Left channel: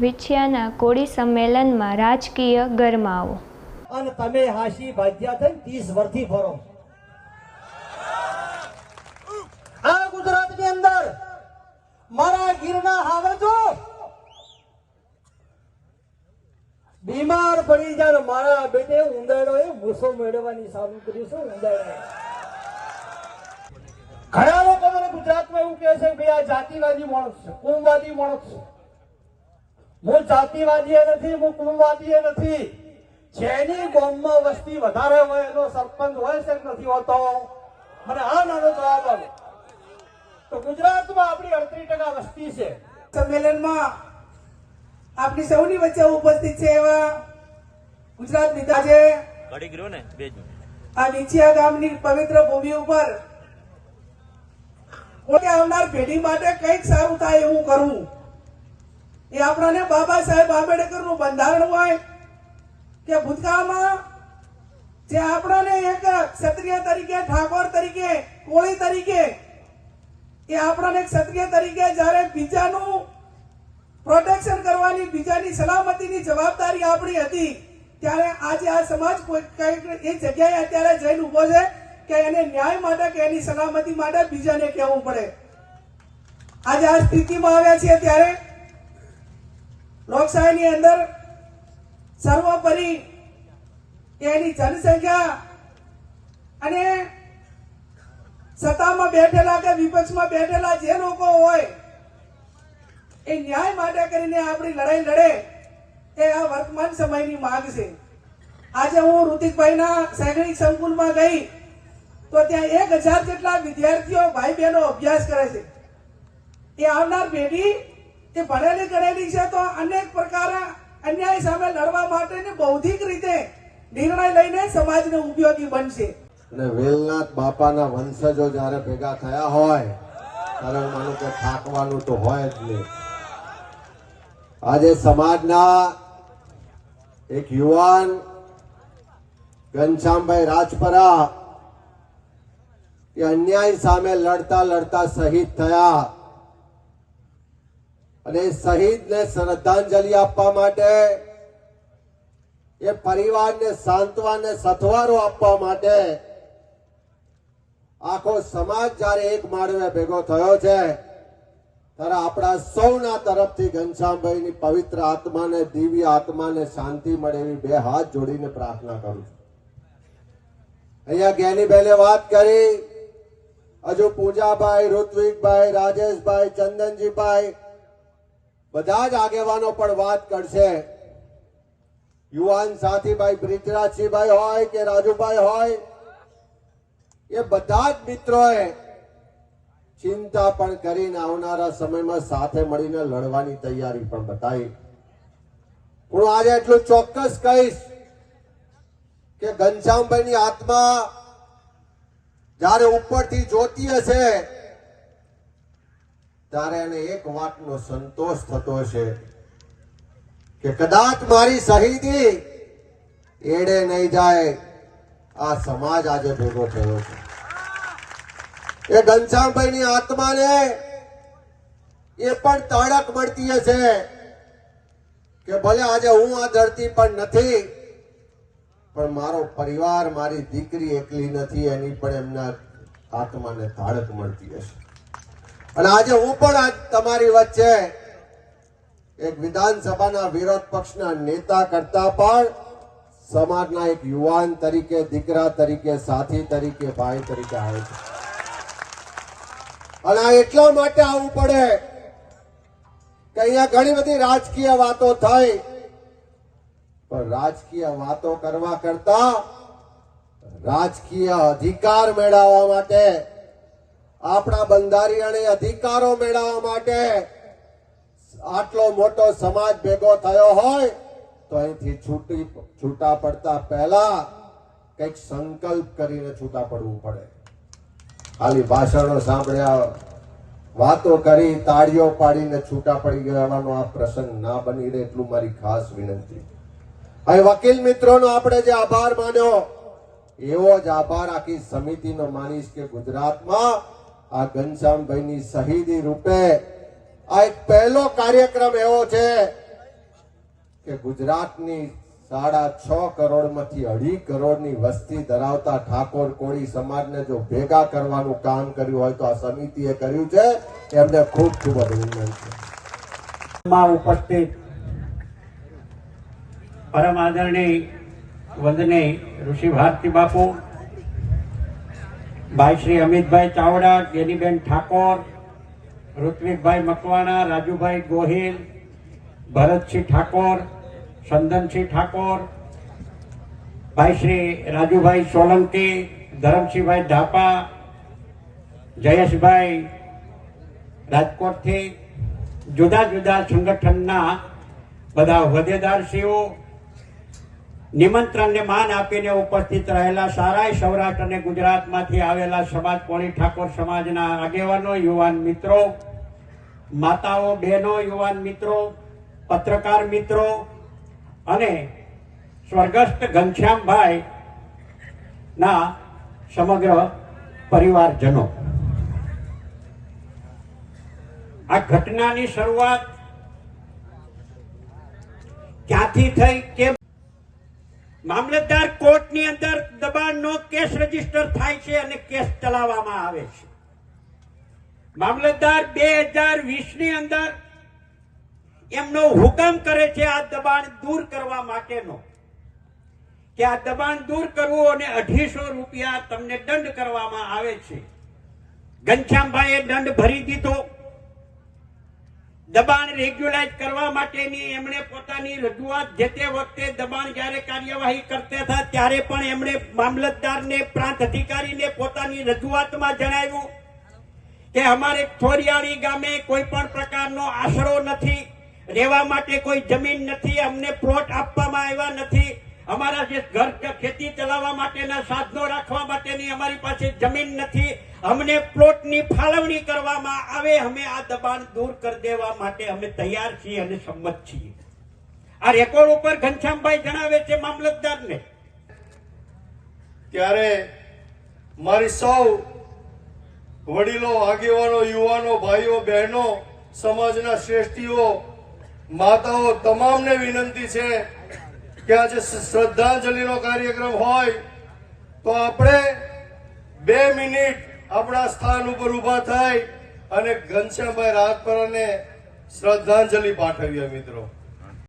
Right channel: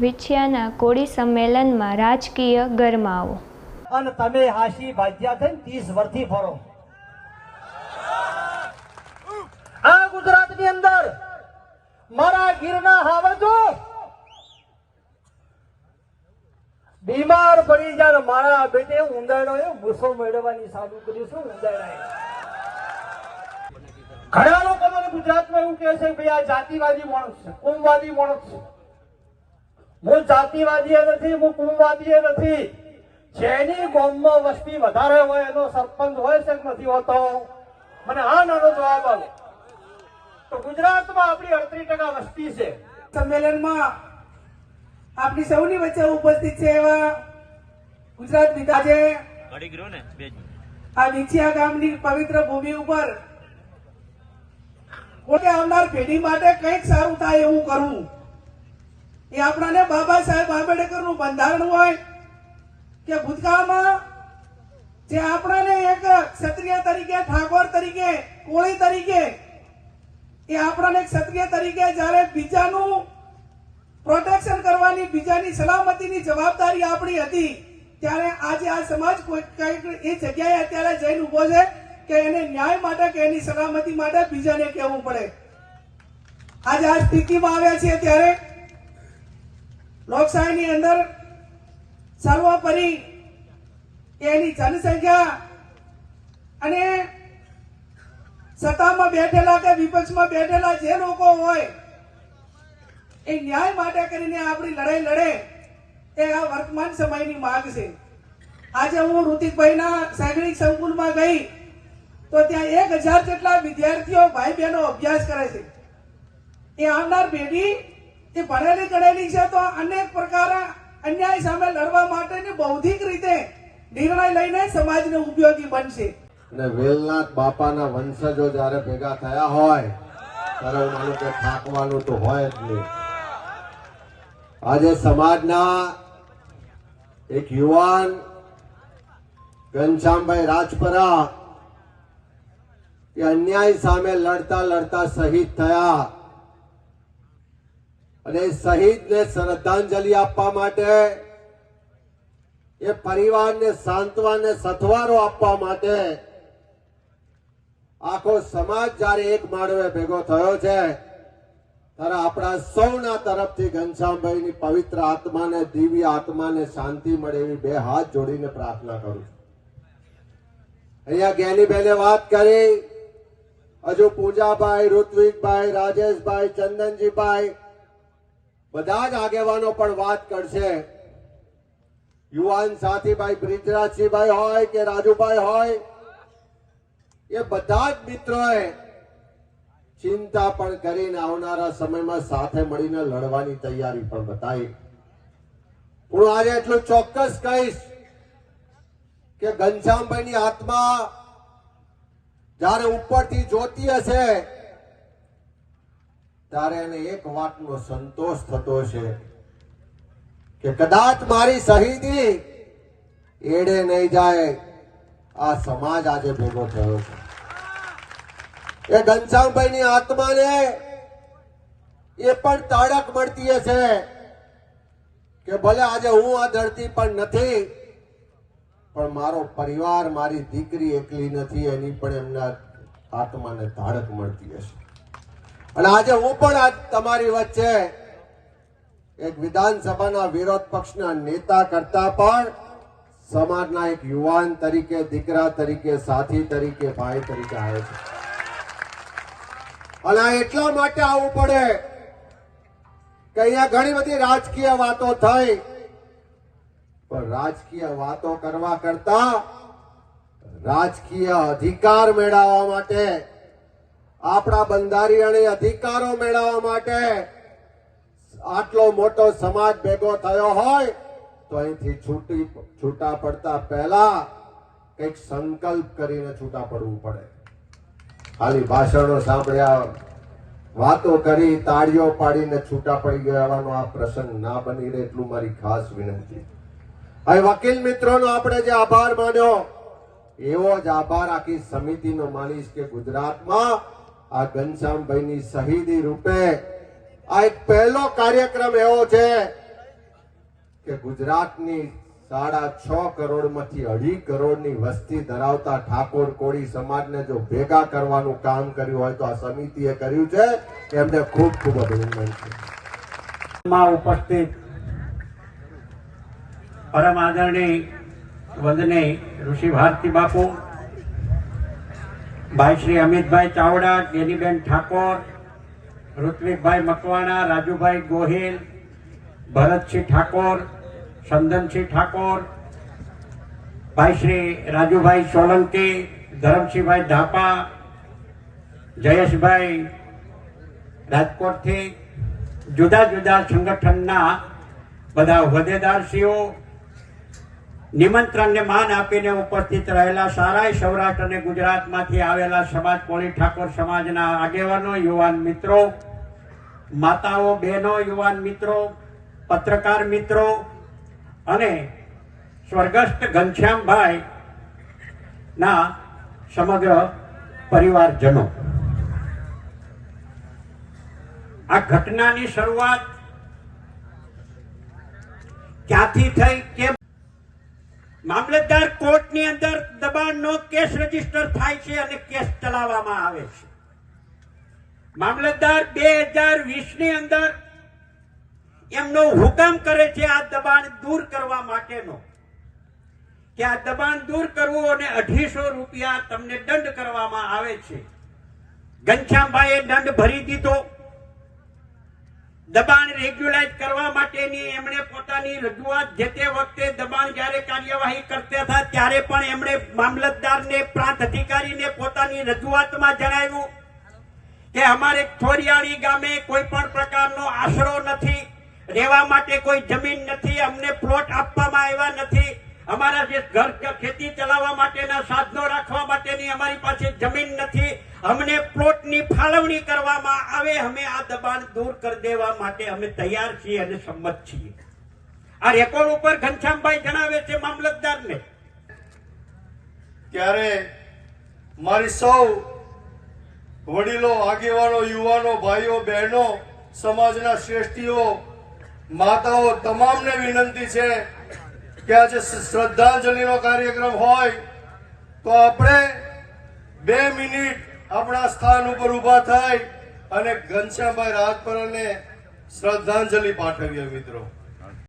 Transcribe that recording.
વિછિયાના કોળી સંમેલનમાં રાજકીય ગરમાવો. અને તમે હાશી ભાજ્યા થઈને ત્રીસ વર્ષથી ફરો. આ ગુજરાતની અંદર મારા ગીરના હાવજો. બીમાર પડી જાય મારા બેટે ઉંદાડો એ ગુસ્સો મેળવવાની સારું કર્યું છે ઉંદાડા ઘણા લોકો મને ગુજરાતમાં એવું કહે છે કે આ જાતિવાદી માણસ છે, કોમવાદી માણસ છે. હું જાતિવાદી નથી હું કુળવાદી નથી. જેની ગામમાં વસ્તી વધારે હોય એનો સરપંચ હોય છે નથી હોતો? મને આ નાનો જવાબ આવે તો ગુજરાતમાં આપણી અડત્રીસ ટકા વસ્તી છે. સંમેલનમાં આપની સૌની વચ્ચે ઉપસ્થિત છે એવા ગુજરાત નેતા છે આ વિછિયા ગામની પવિત્ર ભૂમિ ઉપર. પોતે આવનાર પેઢી માટે કંઈક સારું થાય એવું કરવું એ આપણાને બાબા સાહેબ આંબેડકરનું બંધારણ હોય કે ભૂતકાળમાં જે આપણાને એક ક્ષત્રિય તરીકે, ઠાકોર તરીકે, કોળી તરીકે, એ આપણાને ક્ષત્રિય તરીકે જ્યારે બીજાનું પ્રોટેક્શન કરવાની, બીજાની સલામતીની જવાબદારી આપણી હતી, ત્યારે આજે આ સમાજ એ જગ્યાએ અત્યારે જઈને ઊભો છે કે એને ન્યાય માટે કે એની સલામતી માટે બીજાને કહેવું પડે. આજે આ સ્થિતિમાં આવ્યા છીએ ત્યારે લોકશાહીની અંદર સર્વોપરી એની જનસંખ્યા અને સત્તામાં બેઠેલા કે વિપક્ષમાં બેઠેલા જે લોકો હોય, એ ન્યાય માટે કરીને આપણી લડાઈ લડે એ આ વર્તમાન સમયની માંગ છે. આજે હું ઋતિકભાઈના સૈનિક સંકુલમાં ગઈ, તો ત્યાં એક હજાર જેટલા વિદ્યાર્થીઓ ભાઈ બહેનો અભ્યાસ કરે છે. એ આવનાર પેઢી એ ભણેલી ગણેલી છે તો અનેક પ્રકારે અન્યાય સામે લડવા માટેની બૌદ્ધિક રીતે નિર્ણય લઈને સમાજને ઉપયોગી બનશે. અને વેલનાથ બાપાના વંશજો જ્યારે ભેગા થયા હોય, ત્યારે માનું કે થાકવાનું તો હોય જ નહીં. આજે સમાજના એક યુવાન ઘનશ્યામભાઈ રાજપરા એ અન્યાય સામે લડતા લડતા શહીદ થયા. અને શહીદને શ્રદ્ધાંજલિ આપવા માટે, એ પરિવારને સાંત્વાને સથવારો આપવા માટે આખો સમાજ જ્યારે એક માળવે ભેગો થયો છે, ત્યારે આપણા સૌના તરફથી ઘનશ્યામભાઈની પવિત્ર આત્માને, દિવ્ય આત્માને શાંતિ મળે એવી બે હાથ જોડીને પ્રાર્થના કરું અહીંયા જ્ઞાનીબેને વાત કરી. હજુ પૂજાભાઈ, ઋત્વિકભાઈ, રાજેશભાઈ, ચંદનજીભાઈ બધા જ આગેવાનો પણ વાત કરશે. યુવાન સાથીભાઈ બ્રિજરાજસિંહભાઈ હોય કે રાજુભાઈ હોય, એ બધા જ મિત્રોએ ચિંતા પણ કરીને આવનારા સમયમાં સાથે મળીને લડવાની તૈયારી પણ બતાવી. હું આજે એટલું ચોક્કસ કહીશ કે ઘનશ્યામભાઈની આત્મા જ્યારે ઉપરથી જોતી હશે ત્યારે એને એક વાતનો સંતોષ થતો છે કે કદાચ મારી શહીદી એડે નહીં જાય, આ સમાજ આજે ભેગો થયો છે. એ ઘનશ્યામભાઈની આત્માને એ પણ તાળક મળતી હશે કે ભલે આજે હું આ ધરતી પર નથી, પણ મારો પરિવાર, મારી દીકરી એકલી નથી, એની પણ એમના આત્માને તાળક મળતી હશે. અને આજે હું પણ આજ તમારી વચ્ચે એક વિધાનસભાના વિરોધ પક્ષના નેતા કરતા પણ સમાજના એક યુવાન તરીકે, દીકરા તરીકે, સાથી તરીકે, ભાઈ તરીકે આવે છે. અને આ એટલા માટે આવવું પડે કે અહીંયા ઘણી બધી રાજકીય વાતો થઈ, પણ રાજકીય વાતો કરવા કરતા રાજકીય અધિકાર મેળવવા માટે આપણા બંધારણીય અધિકારો મેળવવા માટે આટલો મોટો સમાજ ભેગો થયો હોય, તો અહીંથી છૂટી, છૂટા પડતા પહેલા કંઈક સંકલ્પ કરીને છૂટા પડવું પડે. ખાલી ભાષણો સાંભળ્યા, વાતો કરી, તાળીઓ પાડીને છૂટા પડી ગયાનો આ પ્રસંગ ના બની રહે એટલું મારી ખાસ વિનંતી. હવે વકીલ મિત્રોનો આપણે જે આભાર માન્યો, એવો જ આભાર આખી સમિતિનો માનીશ કે ગુજરાતમાં આ ઘનશ્યામભાઈની શહીદી રૂપે આ એક પહેલો કાર્યક્રમ એવો છે કે ગુજરાતની સાડા છ કરોડમાંથી અઢી કરોડની વસ્તી ધરાવતા ઠાકોર કોળી સમાજને જો ભેગા કરવાનું કામ કર્યું હોય તો આ સમિતિએ કર્યું છે. એમને ખૂબ ખૂબ અભિનંદન છે. ઉપસ્થિત પરમ આદરણીય વંદનીય ઋષિ ભારતી બાપુ ભાઈ શ્રી અમિતભાઈ ચાવડા ગેરીબેન ઠાકોર, ઋત્વિકભાઈ મકવાણા, રાજુભાઈ ગોહિલ, ભરતસિંહ ઠાકોર ચંદનસિંહ ઠાકોર, ભાઈ શ્રી રાજુભાઈ સોલંકી, ધરમસિંહભાઈ ધાપા, જયેશભાઈ રાજકોટથી, જુદા જુદા સંગઠનના બધા હોદ્દેદારશ્રીઓ નિમંત્રણને માન આપીને ઉપસ્થિત રહેલા સારાય સૌરાષ્ટ્ર અને ગુજરાતમાંથી આવેલા સમાજ કોળી ઠાકોર સમાજના આગેવાનો, યુવાન મિત્રો, માતાઓ, બહેનો, યુવાન મિત્રો, પત્રકાર મિત્રો અને સ્વર્ગસ્થ ઘનશ્યામભાઈ ના સમગ્ર પરિવારજનો. આ ઘટનાની શરૂઆત ક્યાંથી થઈ કે મામલતદાર કોર્ટની અંદર દબાણનો કેસ રજિસ્ટર થાય છે અને કેસ ચલાવવામાં આવે છે. મામલતદાર બે હજાર વીસની અંદર એમનો હુકમ કરે છે આ દબાણ દૂર કરવા માટેનો. કે આ દબાણ દૂર કરવું અને અઢીસો રૂપિયા તમને દંડ કરવામાં આવે છે. ઘનશ્યામભાઈએ દંડ ભરી દીધો. દબાણ રેગ્યુલાઇઝ કરવા માટેની એમણે પોતાની રજૂઆત જે તે વખતે દબાણ જ્યારે કાર્યવાહી કરતા હતા, ત્યારે પણ એમણે મામલતદારને, પ્રાંત અધિકારીને પોતાની રજૂઆતમાં જણાવ્યું કે અમારે થોરિયાળી ગામે કોઈ પણ પ્રકારનો આશરો નથી, રહેવા માટે કોઈ જમીન નથી, અમને પ્લોટ નથી અમારા જે ઘર ખેતી ચલાવવા માટેના સાધનો રાખવા માટેની અમારી પાસે જમીન નથી, અમને પ્લોટની ફાળવણી કરવામાં આવે, અમે આ દબાણ દૂર કરી દેવા માટે અમે તૈયાર છીએ અને સંમત છીએ. આ રેકોર્ડ ઉપર ઘનશ્યામભાઈ જણાવે છે મામલતદારને. ત્યારે મારી સૌ વડીલો, આગેવાનો, યુવાનો, ભાઈઓ, બહેનો, સમાજના શ્રેષ્ઠીઓ, માતાઓ, તમામને વિનંતી છે કે આજે શ્રદ્ધાંજલિનો કાર્યક્રમ હોય, તો આપણે બે મિનિટ આપણા સ્થાન ઉપર ઊભા થાય અને ઘનશ્યામભાઈ રાજપરાને શ્રદ્ધાંજલિ પાઠવીએ મિત્રો.